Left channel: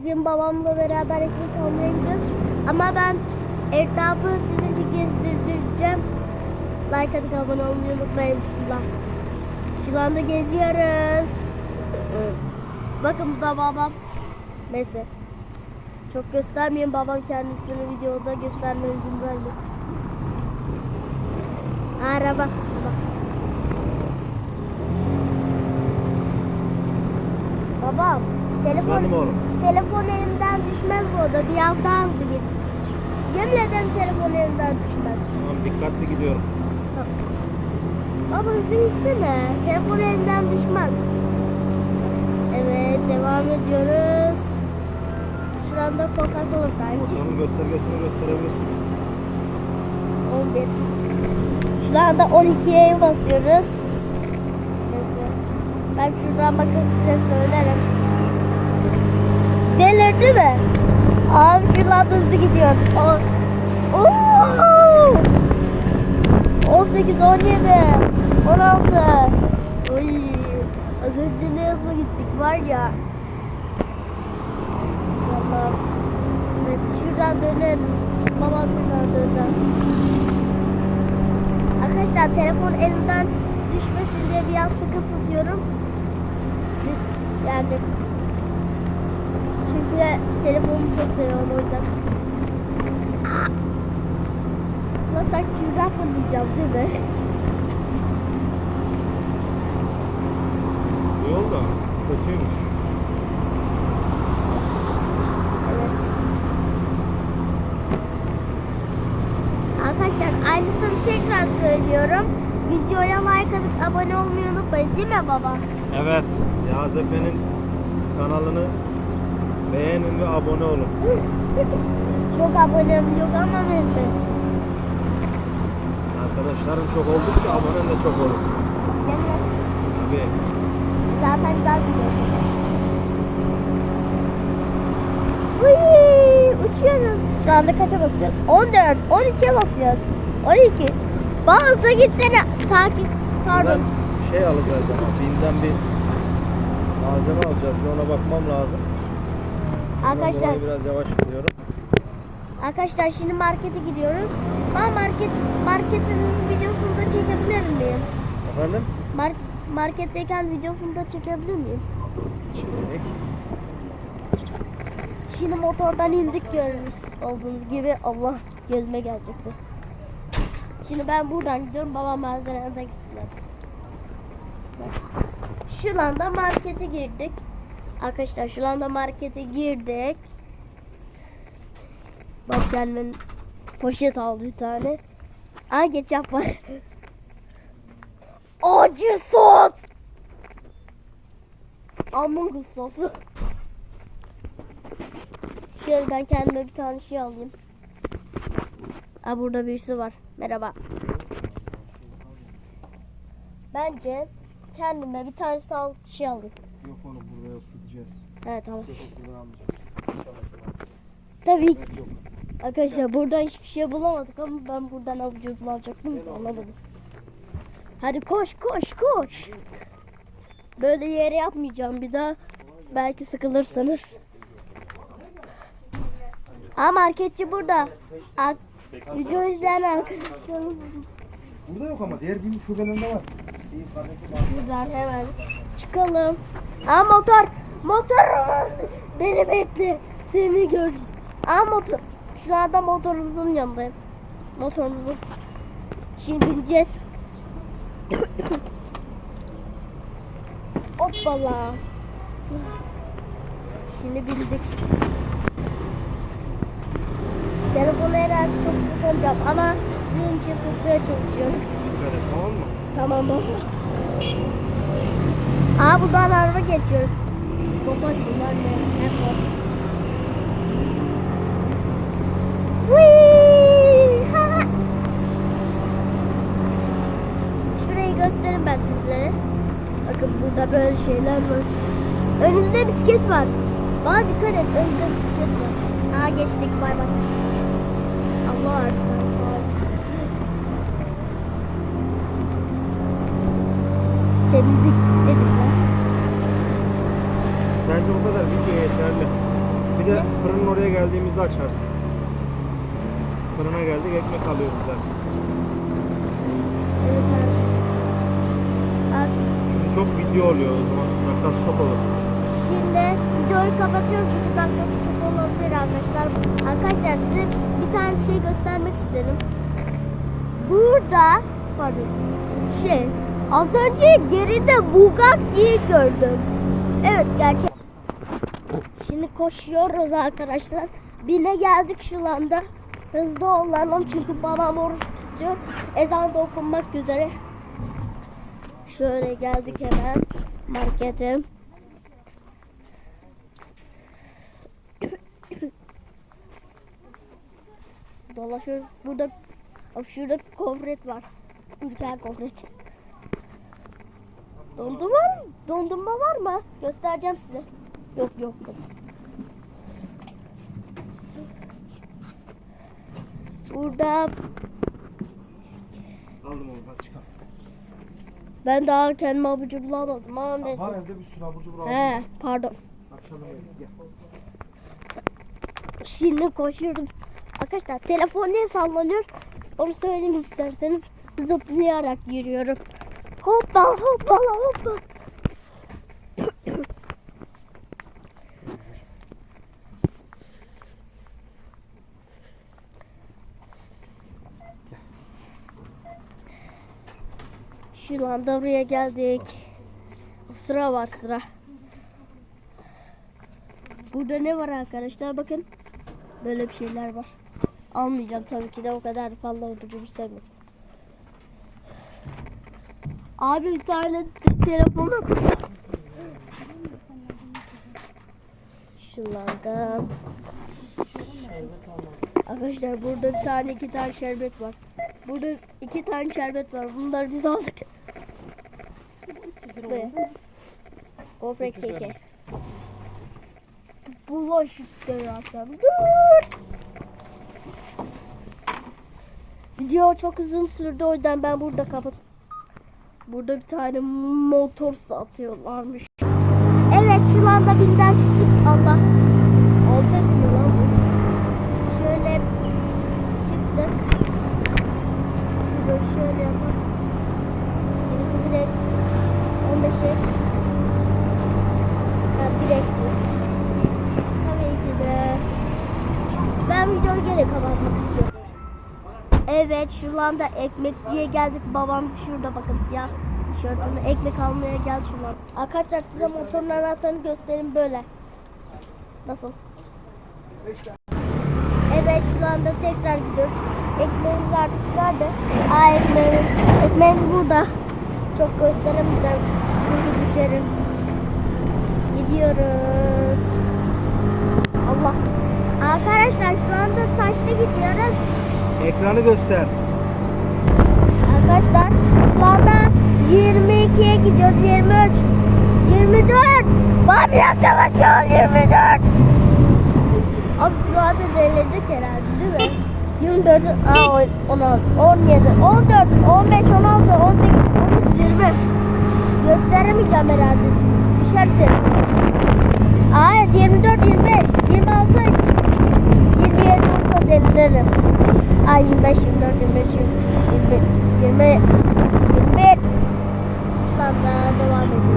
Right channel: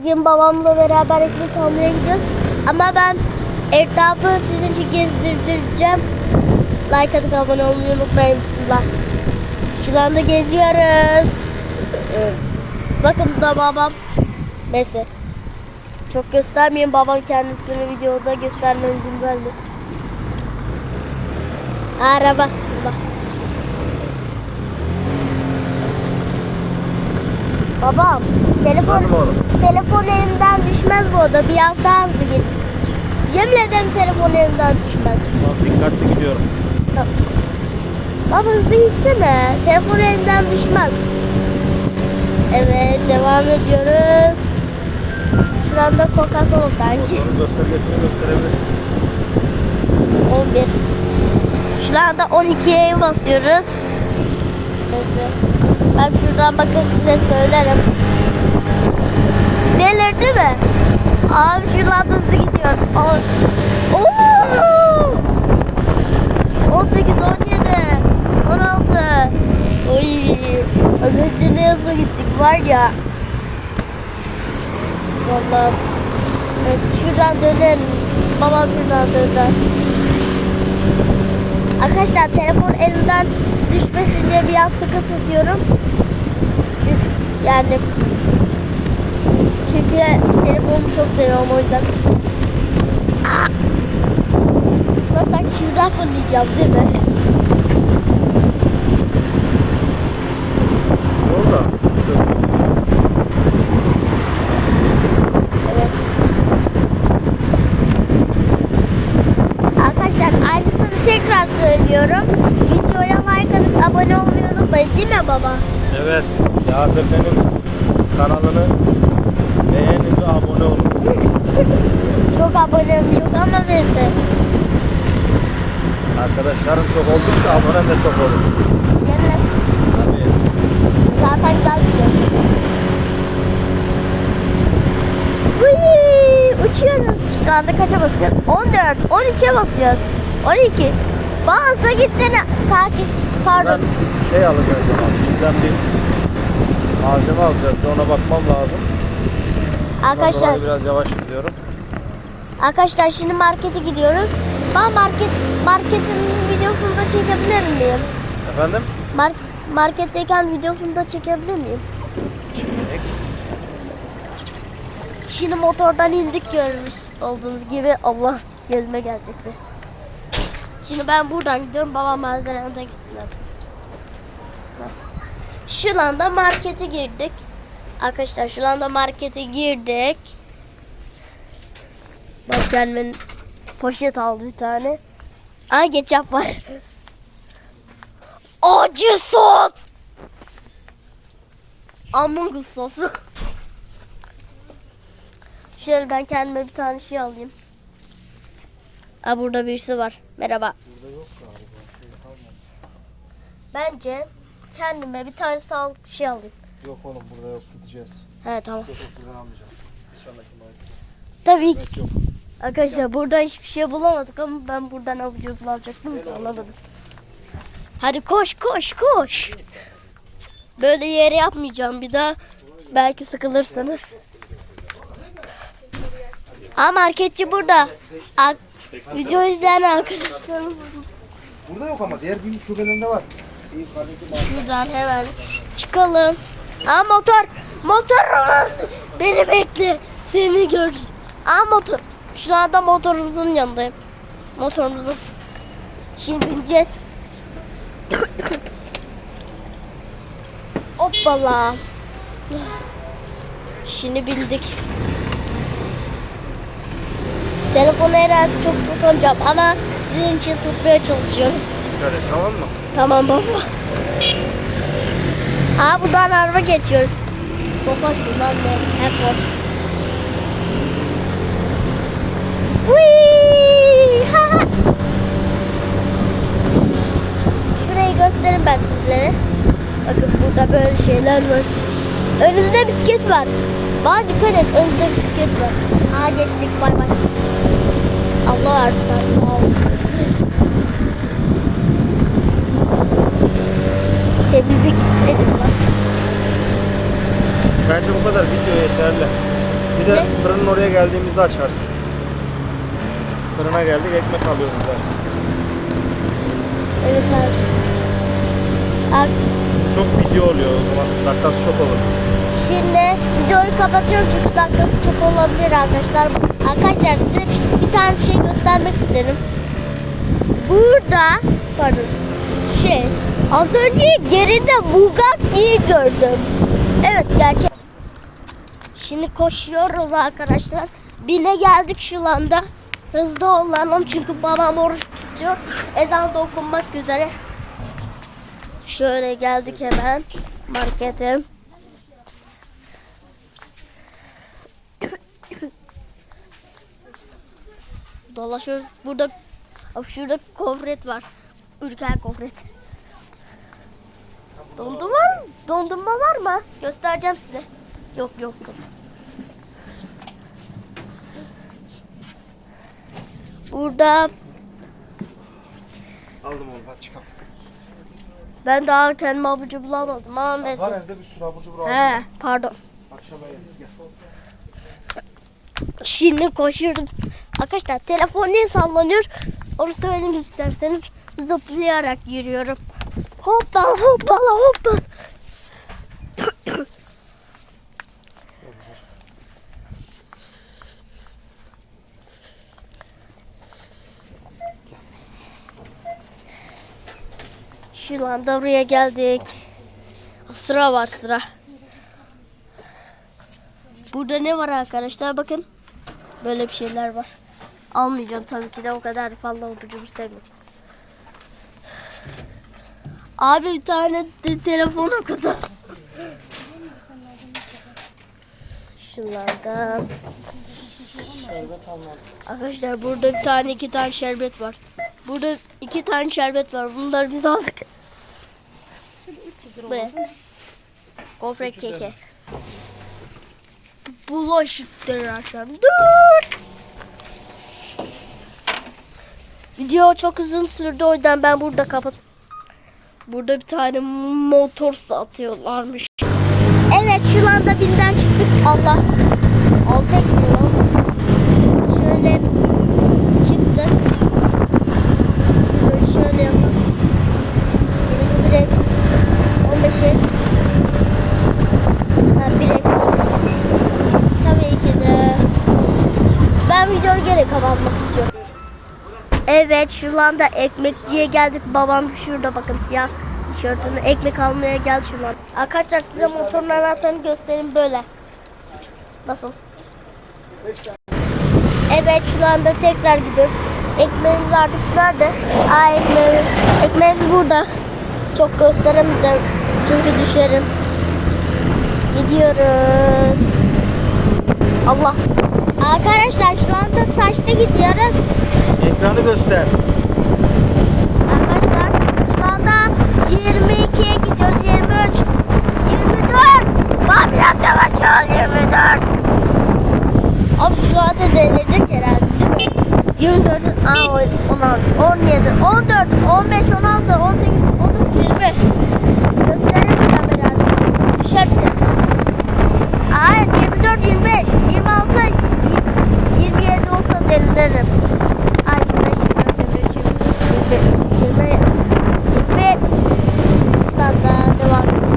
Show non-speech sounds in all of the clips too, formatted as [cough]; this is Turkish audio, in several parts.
bugün babamla beraber ekmek almaya gidiyoruz. Ama ben etrafı sizin için gezdireceğim. Like atıp abone olmayı unutmayın. Bismillah. Şu anda geziyoruz. [laughs] Bakın da babam. Neyse. Çok göstermeyin babam kendisini videoda göstermem izin verdi. Araba. Bismillah. Babam. Telefon, Efendim oğlum. telefon elimden düşmez bu arada. Biraz daha hızlı git. Yemin ederim telefon elimden düşmez. Tamam, dikkatli gidiyorum. Tamam. Baba hızlı gitsene. Telefon elimden düşmez. Evet devam ediyoruz. Şurada Coca-Cola sanki. Motorun göstergesini gösterebilirsin. 11. Şu anda 12'ye basıyoruz. Neyse. Ben şuradan bakın size söylerim. Delirdi mi? Abi şuradan hızlı gidiyor. O, Oo! 18, 17, 16. Oy. Az önce ne hızlı gittik var ya. Vallahi. Evet şuradan dönelim. Babam şuradan döner. Arkadaşlar telefon elimden düşmesin diye biraz sıkı tutuyorum. Yani çünkü telefonu çok seviyorum o yüzden. Nasıl şuradan fırlayacağım değil mi? Dur. Evet. Arkadaşlar aynısını tekrar söylüyorum. Videoya abone olmayı unutmayın değil mi baba? Evet. Yağız Efe'nin kanalını beğenin ve abone olun. [laughs] Çok abonem yok ama neyse. Arkadaşlarım çok oldukça abonem de çok olur. Evet. Tabii. Zaten güzel gidiyor. Uy, uçuyoruz. Şu anda kaça basıyoruz? 14, 13'e basıyoruz. 12. Bazı gitsene. Takip, pardon. Ben şey alacağız ama bizden bir malzeme alacağız. Bir ona bakmam lazım. Arkadaşlar, biraz yavaş gidiyorum. arkadaşlar şimdi markete gidiyoruz. Ben market marketin videosunu da çekebilir miyim? Efendim? Mar marketteyken videosunu da çekebilir miyim? Çek. Şimdi motordan indik görmüş olduğunuz gibi Allah gözüme gelecekti. Şimdi ben buradan gidiyorum babam malzemeden gitsin hadi. Şu anda markete girdik. Arkadaşlar şu anda markete girdik. Bak gelmenin poşet aldı bir tane. Aa ketçap var. [laughs] Acı sos. Among Us sosu. Şöyle ben kendime bir tane şey alayım. Aa burada birisi var. Merhaba. Bence kendime bir tane sağlıklı şey alayım. Yok oğlum burada yok gideceğiz. He tamam. Yok buradan almayacağız. İnşallah Tabii ki. Evet yok. Arkadaşlar burada hiçbir şey bulamadık ama ben buradan avucu bulacaktım da alamadım. Hadi koş koş koş. Böyle yere yapmayacağım bir daha. Belki sıkılırsanız. Aa marketçi burada. Ak- video izleyen arkadaşlarım Burada yok ama diğer bir şubelerinde var. Buradan hemen çıkalım. Aa motor. Motor. Beni bekle. Seni göreceğim. Aa motor. Şu anda motorumuzun yanındayım. Motorumuzun. Şimdi bineceğiz. Hoppala. Şimdi bindik. Telefonu herhalde çok tutamayacağım ama sizin için tutmaya çalışıyorum. Dikkat et tamam mı? Tamam baba. Aa buradan araba geçiyor. Topaç bunlar ne? Hep var. Şurayı göstereyim ben sizlere. Bakın burada böyle şeyler var. Önümüzde bisiklet var. Bana dikkat et önümüzde bisiklet var. Aa geçtik bay bay. Allah artık sağ olun. Temizlik nedir lan? Bence bu kadar video yeterli. Bir de Ne? fırının oraya geldiğimizde açarsın. Fırına geldik ekmek alıyoruz dersin. Evet abi. Abi, Çok video oluyor o zaman. Dakikası çok olur. Şimdi videoyu kapatıyorum çünkü dakikası çok olabilir arkadaşlar. Arkadaşlar size bir, tane bir şey göstermek isterim. Burada pardon şey az önce geride Bugatti'yi gördüm. Evet gerçek. Şimdi koşuyoruz arkadaşlar. Bine geldik şu anda. Hızlı olalım çünkü babam oruç tutuyor. Ezan da okunmak üzere. Şöyle geldik hemen markete. Dolaşıyoruz. Burada şurada kofret var. Ülker kofret. Dondurma var mı? Dondurma var mı? Göstereceğim size. Yok yok yok. Burada Aldım onu hadi çıkalım. ben daha kendime abucu bulamadım ama Var evde bir sürü abur cubur aldım. He pardon. Akşama yeriz gel. Şimdi koşuyorum. Arkadaşlar telefon niye sallanıyor? Onu söylemek isterseniz zıplayarak yürüyorum. Hoppala hoppala hoppala. Şu anda buraya geldik. Sıra var sıra. Burada ne var arkadaşlar bakın. Böyle bir şeyler var. Almayacağım tabii ki de o kadar fazla abucumu sevmiyorum. Abi bir tane de telefon okudu. Şunlardan. Arkadaşlar burada bir tane iki tane şerbet var. Burada iki tane şerbet var. Bunları biz aldık. Ve gofret keke. Bulaşıktır akşam. Dur. Video çok uzun sürdü o yüzden ben burada kapat. Burada bir tane motor satıyorlarmış. Evet şu anda binden çıktık. Allah. Alacak mı lan? Şöyle çıktık. Şurayı şöyle yaparsak. 21 x 15 x ha, 1 x Tabii ki de. Ben videoyu geri kapatmak istiyorum. Evet şu anda ekmekçiye geldik. Babam şurada bakın siyah tişörtünü ekmek almaya geldi şu an. Arkadaşlar size motorun anahtarını göstereyim böyle. Nasıl? Evet şu anda tekrar gidiyoruz. Ekmeğimiz artık nerede? Aa ekmeğimiz, ekmeğimiz burada. Çok gösteremeyeceğim çünkü düşerim. Gidiyoruz. Allah. Arkadaşlar şu anda taşta gidiyoruz. Ekranı göster. Arkadaşlar şu anda 22'ye gidiyoruz 23 24 Bak biraz yavaş ol 24 Abi şu anda delirecek herhalde değil mi? 24 aa, 16 17 14 15 16 18 19 20 Gösterelim kamerayı. Düşersin Hayır 24 25 26 27 olsa deliririm Ay 25 24 25 20 20 21 Standa devam edelim.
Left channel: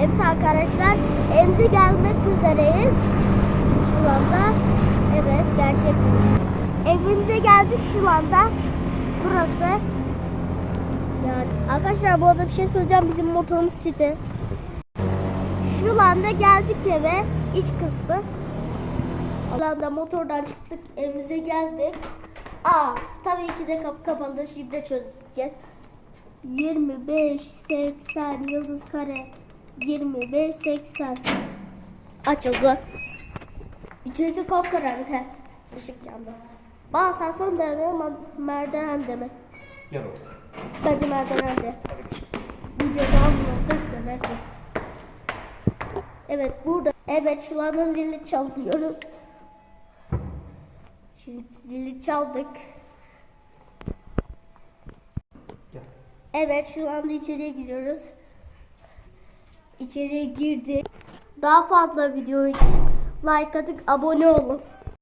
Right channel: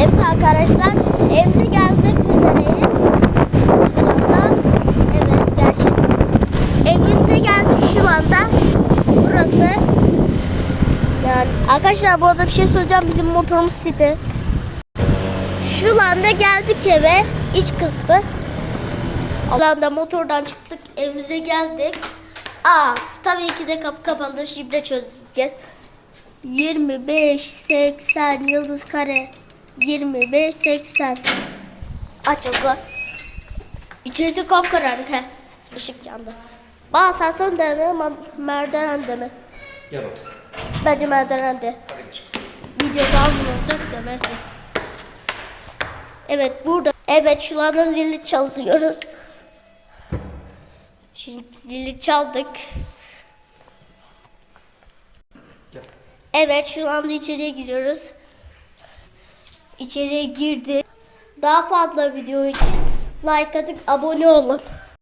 Evet arkadaşlar evimize gelmek üzereyiz. Şu anda evet gerçekten. Evimize geldik şu anda. Burası yani arkadaşlar bu arada bir şey söyleyeceğim bizim motorumuz site. Şu anda geldik eve iç kısmı. Şu anda motordan çıktık evimize geldik. Aa tabii ki de kapı kapalı şifre çözeceğiz. 25 80 yıldız kare 25 80 açıldı. İçerisi kapkaranlık he. Işık yandı. Bana asansör deme merdiven deme. Gel oğlum. Bence merdiven de. Video daha uzun olacak demesi. Evet burada. Evet şu anda zili çalıyoruz. Şimdi zili çaldık. Gel. Evet şu anda içeriye giriyoruz. İçeriye girdik. Daha fazla video için like atıp abone olun.